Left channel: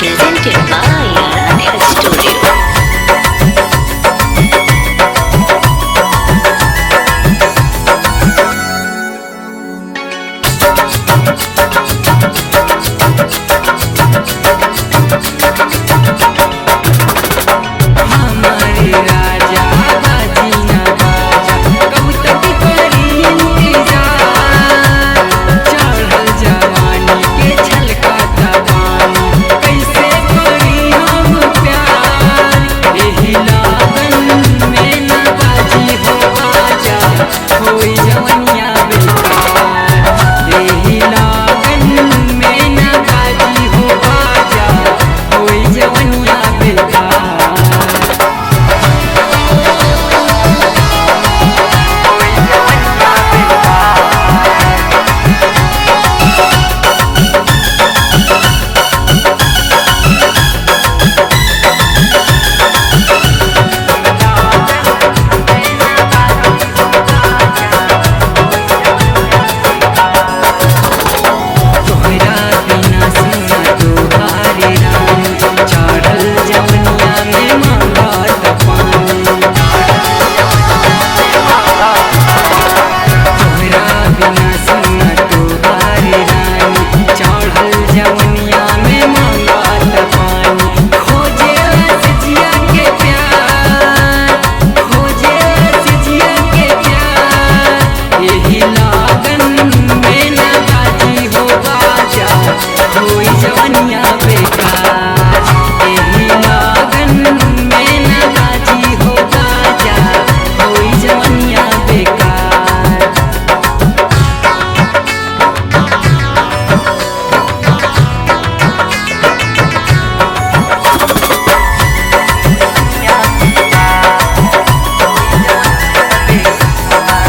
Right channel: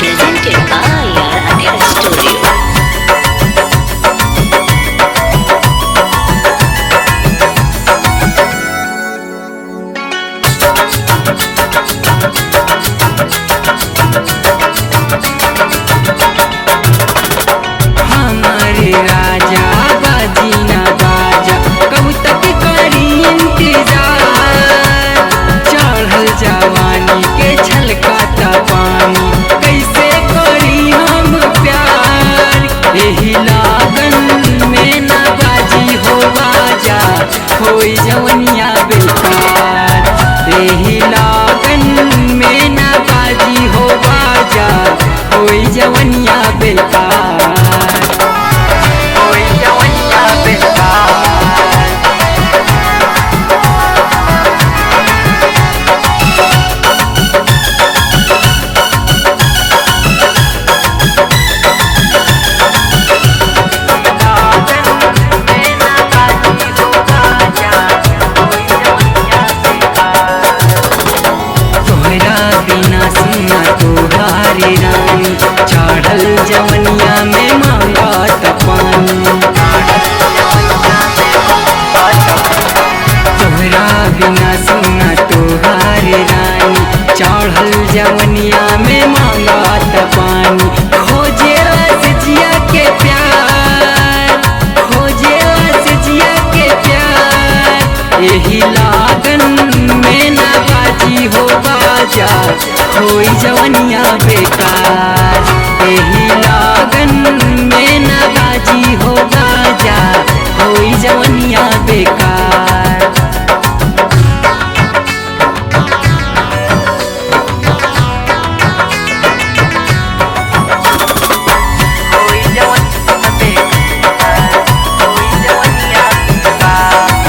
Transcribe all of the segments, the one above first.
Presented by Aradhya Studio. हमारे राजा बाजी ना बाजा, कब तक करी इंतजार। चढ़ल जवानी के छलकाता पानी, कैसे करी हम प्यार। एही लागन में ना बाजी हो बाजा, होई जवनिया बेकार। एही लागन में ना बाजी हो बाजा, होई जवनिया बेकार। होई जवनिया बेकार, होई जवनिया बेकार। लागन में ना बाजी हो बाजा, होई जवनिया बेकार। तोहरा बिना सुना तोहारी रानी, चढ़ल जवनिया में मांगत पानी। तोहरा बिना सुना तोहारी रानी, चढ़ल जवनिया में मांगत पानी। खोजेला से जिया के प्यार, खोजेला से जिया के प्यार। एही लागन में ना बाजी हो बाजा, होई जवनिया बेकार। एही लागन में ना बाजी हो बाजा, होई जवनिया बेकार। होई जवनिया बेकार, होई जवनिया बेकार।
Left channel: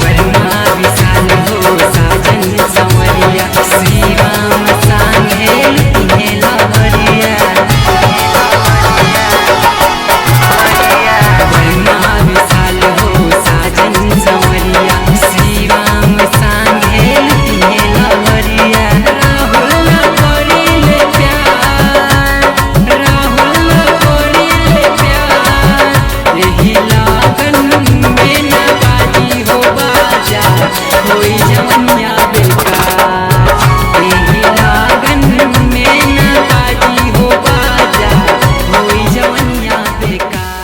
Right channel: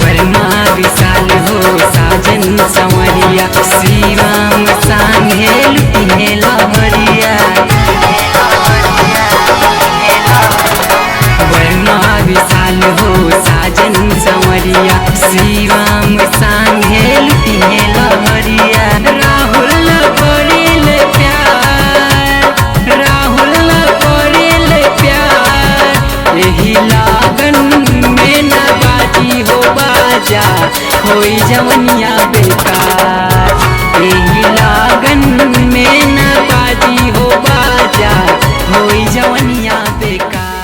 वर्मा विशाल हो साजन संवरिया, श्री राम सांगे लुटिहे लहरिया। वर्मा विशाल हो साजन संवरिया, श्री राम सांगे लुटिहे लहरिया। राहुल न करेल प्यार, राहुल न करेल प्यार। एही लागन में ना बाजी हो बाजा, होई जवनिया बेकार। एही लागन में ना बाजी हो बाजा, होई जवनिया बेकार।